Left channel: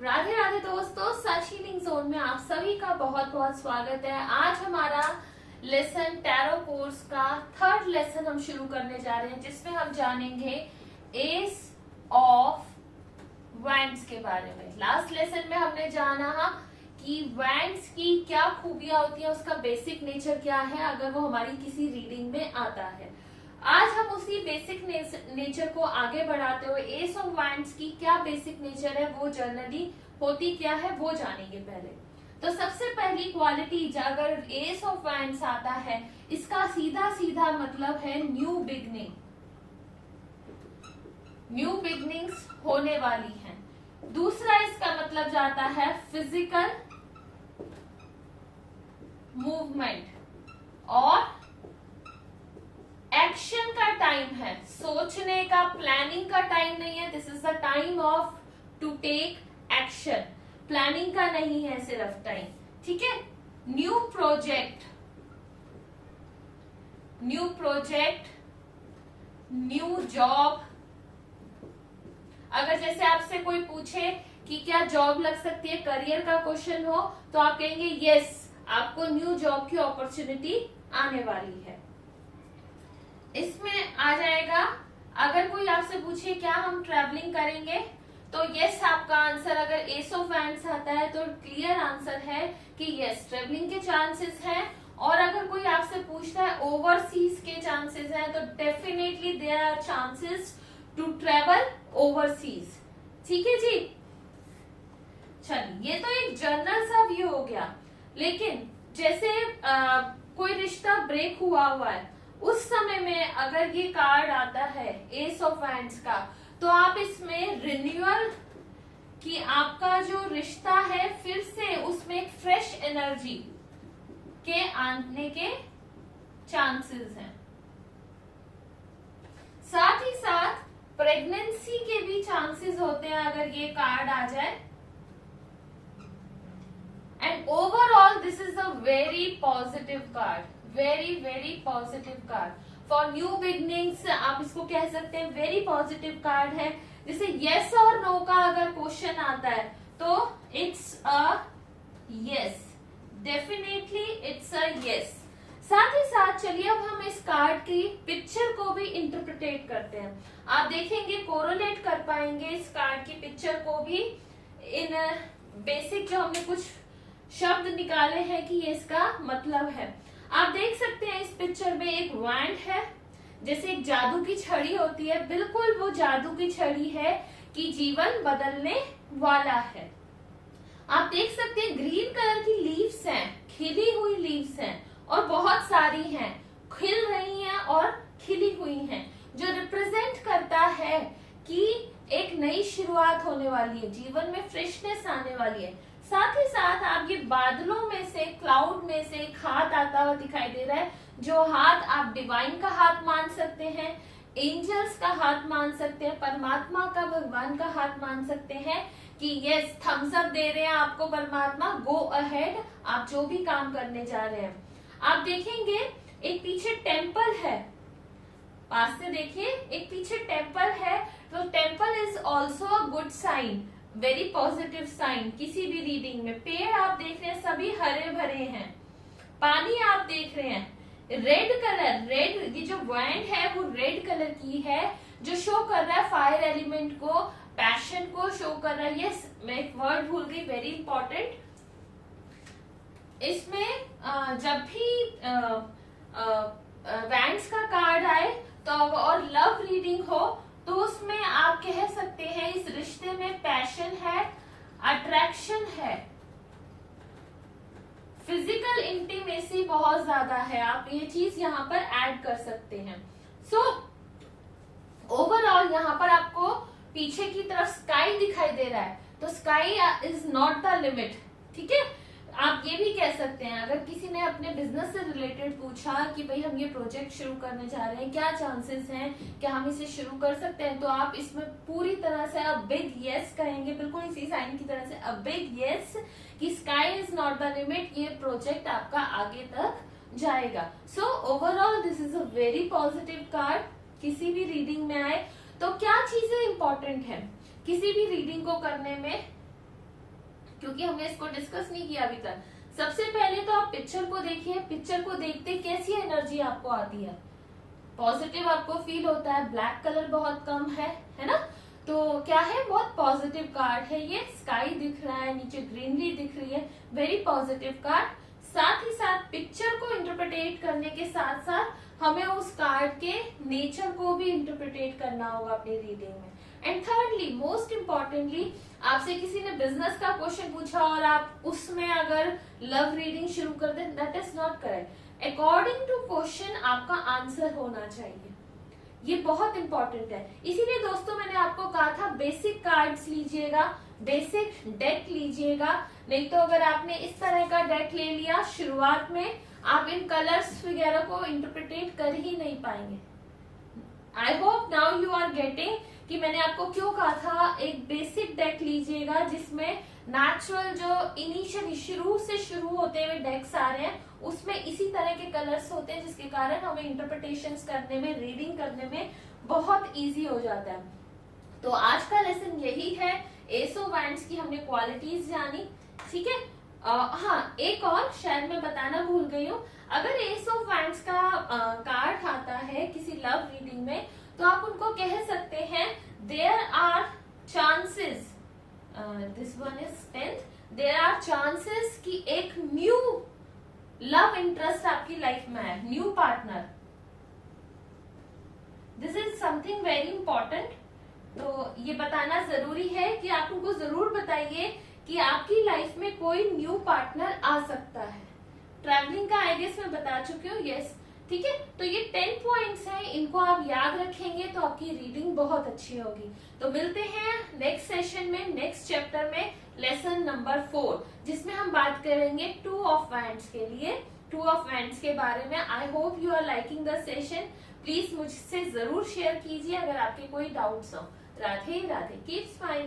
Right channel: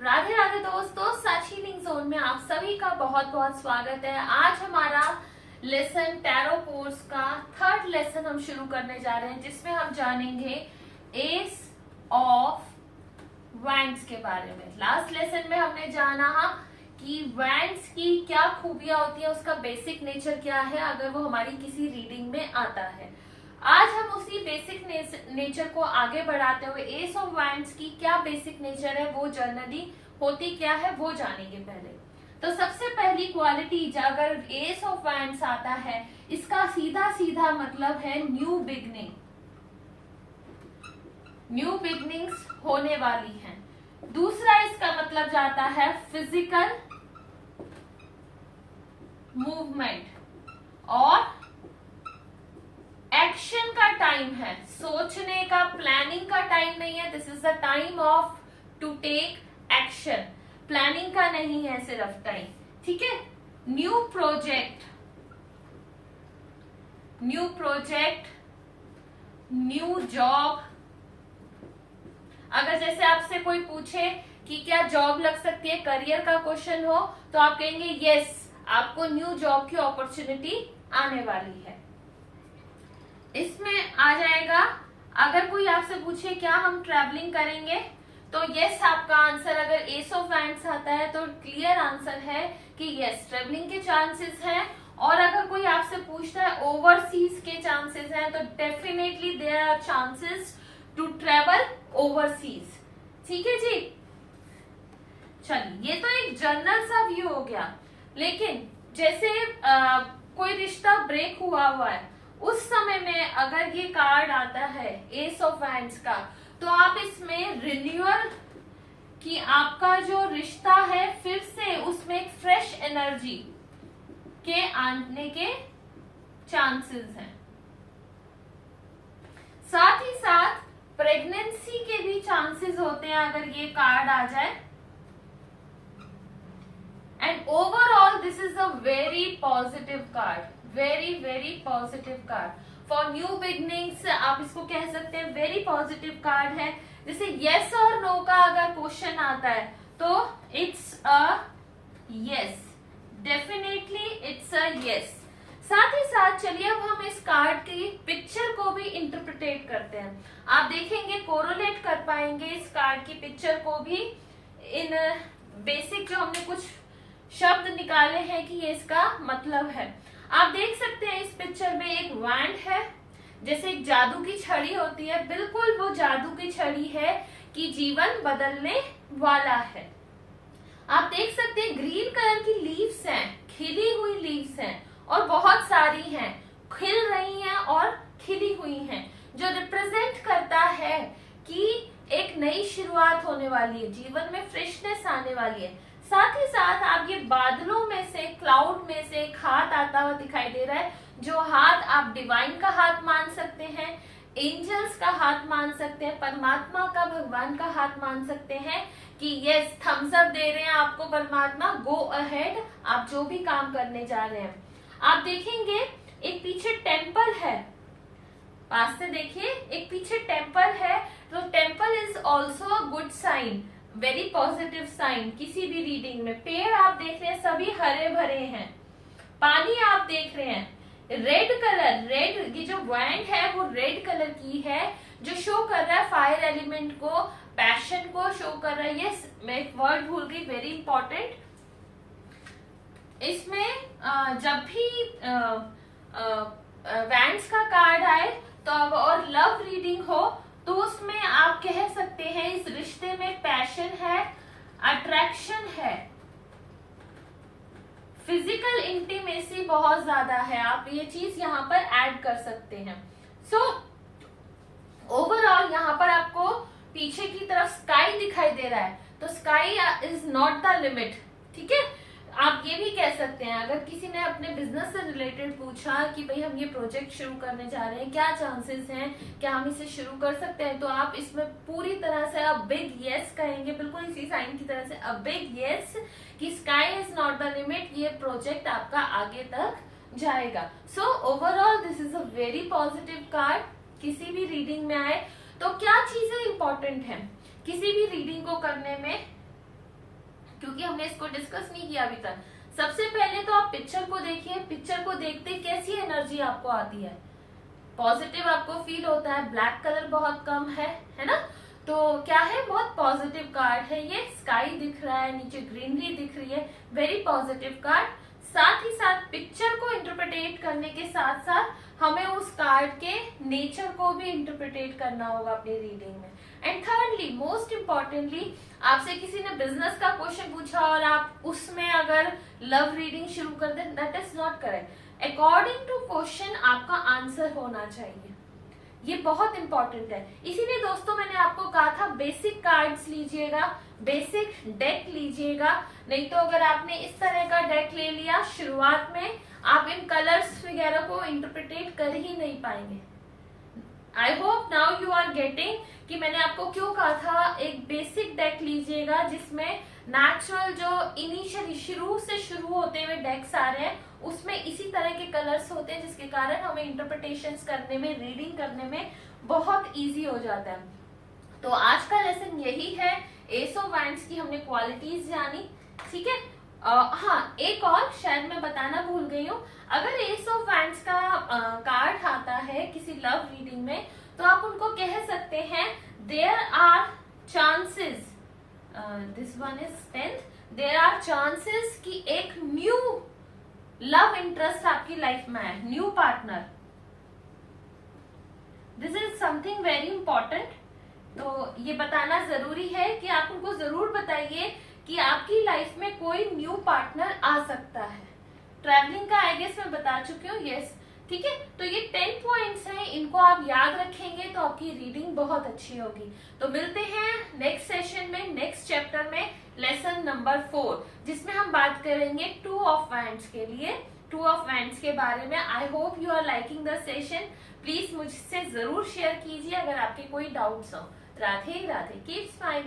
राधे राधे दोस्तों, सच healing zone में आप सभी का बहुत बहुत स्वागत है। आज हमारा लेसन टैरो कोर्स का थर्ड लेसन हम शुरू करने जा रहे हैं, जिसमें हम जानेंगे एस ऑफ वैंड्स के बारे में। लास्ट लेसन में हमने जाना कि वैंड्स की क्या खूबियां होती हैं, उसका बेसिक नेचर क्या है अगर वो हमारी किसी रीडिंग में आता है। आज हम उसी बेसिक नेचर को आगे बढ़ाते हुए एस ऑफ वैंड्स की क्या बेसिक नेचर है, वो जनरली होती क्या है, वो जानेंगे। पहले तो सबसे पहली क्वालिटी, अगर एस ऑफ वैंड्स आता है, इसका सीधा सीधा मतलब है न्यू बिगनिंग। न्यू बिगनिंग्स होने वाली हैं। दूसरा इसका मतलब जाता है फिजिकल मूवमेंट और एक्शन का टाइम है। सोचने का, प्लानिंग का टाइम नहीं है। This is the time of to take action. Planning का नहीं है सिर्फ टाइम, ठीक है। New project, new job. अगर जैसे आपसे कोई पूछे कि क्या जॉब लग सकती है, करियर का क्वेश्चन हो, तो आप कहेंगे यस, आपको न्यू जॉब की अपॉर्चुनिटी आने वाली है। इसमें आ जाएगा, अगर कोई आपसे पूछे क्या हम ट्रैवलिंग करेंगे, तो यस आपका आंसर। अगर एस ऑफ वैंड्स आता है तो क्लियर आंसर है कि यस, ट्रैवलिंग के चांसेस हैं। और अगर कोई आपसे पूछता है ओवरसीज के चांसेस हैं, तो definitely there are chances to travel overseas. ठीक है जी। चलिए, ये तो एक जनरल सा व्यू हो गया। लेकिन जैसे कोई रिश्ता ब्रेक हुआ है, उस समय में अगर ये कार्ड आता है एस ऑफ वैंड्स का, तो आप इसमें रिन्यूअल की, आपका जो रिश्ता है फिर से उसमें एक फ्रेश एनर्जी के आने के चांसेस हैं। साथ ही साथ प्रेगनेंसी के भी चांसेस होते हैं अगर ये कार्ड आ जाए। And overall this is a very positive card, very very positive card for new beginnings. आप इसको कह सकते हैं वेरी पॉजिटिव कार्ड है। जैसे यस और नो का अगर क्वेश्चन आता है तो it's a yes, definitely it's a yes. साथ ही साथ चलिए अब हम इस कार्ड की पिक्चर को भी इंटरप्रिटेट करते हैं। आप देखेंगे, कोरोलेट कर पाएंगे इस कार्ड की पिक्चर को भी इन बेसिक जो हमने कुछ शब्द निकाले हैं कि ये इसका मतलब है। आप देख सकते हैं इस पिक्चर में एक वैंड है, जैसे एक जादू की छड़ी होती है, बिल्कुल वो जादू की छड़ी है कि जीवन बदलने वाला है। आप देख सकते हैं ग्रीन कलर की लीव्स हैं, खिली हुई लीव्स हैं और बहुत सारी हैं, खिल रही हैं और खिली हुई हैं, जो रिप्रेजेंट करता है कि एक नई शुरुआत होने वाली है, जीवन में फ्रेशनेस आने वाली है। साथ ही साथ आप ये बादलों में से, क्लाउड में से एक हाथ आता हुआ दिखाई दे रहा है, जो हाथ आप डिवाइन का हाथ मान सकते हैं, एंजल्स का हाथ मान सकते हैं, परमात्मा का, भगवान का हाथ मान सकते हैं कि यस, थम्स अप दे रहे हैं आपको परमात्मा, गो अहेड, आप जो भी काम करने जा रहे हैं। आप देखेंगे एक पीछे टेम्पल है, पास से देखिए, एक पीछे टेम्पल है, तो temple is also a good sign, very positive sign किसी भी रीडिंग में। पेड़ आप देख रहे हैं सभी हरे भरे हैं, पानी आप देख रहे हैं, रेड कलर, रेड, ये जो वैंड है वो रेड कलर की है, जो शो कर रहा है फायर एलिमेंट को, पैशन को शो कर रहा है। यस, मैं एक वर्ड भूल गई, वेरी इंपॉर्टेंट। इसमें जब भी वैंड्स का कार्ड आए तो और लव रीडिंग हो, तो उसमें आप कह सकते हैं इस रिश्ते में पैशन है, अट्रैक्शन है, फिजिकल इंटीमेसी बहुत ज्यादा है। आप ये चीज यहाँ पर ऐड कर सकते हैं। सो ओवरऑल यहाँ पर आपको पीछे की तरफ स्काई दिखाई दे रहा है, तो sky is not the limit, ठीक है। आप ये भी कह सकते हैं, अगर किसी ने अपने बिजनेस से रिलेटेड पूछा कि भाई हम ये प्रोजेक्ट शुरू करने जा रहे हैं, क्या चांसेस हैं, क्या हम इसे शुरू कर सकते हैं, तो आप इसमें पूरी तरह से अ बिग यस कहेंगे, बिल्कुल इसी साइन की तरह से अ बिग यस, कि sky is not the limit, ये प्रोजेक्ट आपका आगे तक जाएगा। So overall this is a very positive card. किसी भी रीडिंग में आए तो क्या चीजें इंपॉर्टेंट है किसी भी रीडिंग को करने में, क्योंकि हमने इसको डिस्कस नहीं किया अभी तक। सबसे पहले तो आप पिक्चर को देखिए, पिक्चर को देखते कैसी एनर्जी आपको आती है, पॉजिटिव आपको फील होता है, ब्लैक कलर बहुत कम है ना, तो क्या है, बहुत पॉजिटिव कार्ड है ये। स्काई दिख रहा है, नीचे ग्रीनरी दिख रही है, वेरी पॉजिटिव कार्ड। साथ ही साथ पिक्चर को इंटरप्रिटेट करने के साथ साथ हमें उस कार्ड के नेचर को भी इंटरप्रिटेट करना होगा अपनी रीडिंग में। एंड थर्डली, मोस्ट इम्पोर्टेंटली, आपसे किसी ने बिजनेस का क्वेश्चन पूछा और आप उसमें अगर लव रीडिंग शुरू कर दें, that is not correct. According to question आपका आंसर होना चाहिए, ये बहुत इंपॉर्टेंट है। इसीलिए दोस्तों मैंने आपको कहा था बेसिक कार्ड्स लीजिएगा, बेसिक डेक लीजिएगा, नहीं तो अगर आपने इस तरह का डेक ले लिया शुरुआत में, आप इन कलर्स वगैरह को इंटरप्रिटेट कर ही नहीं पाएंगे। I hope now you are getting कि मैंने आपको क्यों कहा था एक बेसिक डेक लीजिएगा जिसमें नेचुरल जो इनिशियली शुरू होते हुए डेक्स आ रहे हैं उसमें इसी तरह के कलर्स होते हैं, जिसके कारण हमें इंटरप्रिटेशंस करने में, रीडिंग करने में बहुत इजी हो जाता है। तो आज का लेसन यही है, एस ऑफ वैंड्स की हमने क्वालिटीज जानी, ठीक है। हाँ, एक और शायद मैं बताना भूल गई हूँ, अगर एस ऑफ वैंड्स का कार्ड आता है किसी लव रीडिंग में, तो आप उनको कह सकते हैं there are chances, this one is 10th, there are chances कि एक न्यू लव इंटरेस्ट आपकी लाइफ में है, new partner. This is something very important. तो ये बताना जरूरी है कि आप उनको जरूर बताइए कि आपकी लाइफ में कोई न्यू पार्टनर आ सकता है। ट्रैवलिंग का आई गेस मैं बता चुकी हूँ, यस, ठीक है। तो ये 10 पॉइंट्स हैं, इनको आप याद रखेंगे तो आपकी रीडिंग बहुत अच्छी होगी। तो मिलते हैं नेक्स्ट सेशन में, नेक्स्ट चैप्टर में, लेसन नंबर 4, जिसमें हम बात करेंगे 2 ऑफ वैंड्स के लिए, 2 ऑफ वैंड्स के बारे में। I hope you are liking the session. Please मुझसे जरूर शेयर कीजिए अगर आपके कोई डाउट्स हो। Radhe Radhe, keep smiling.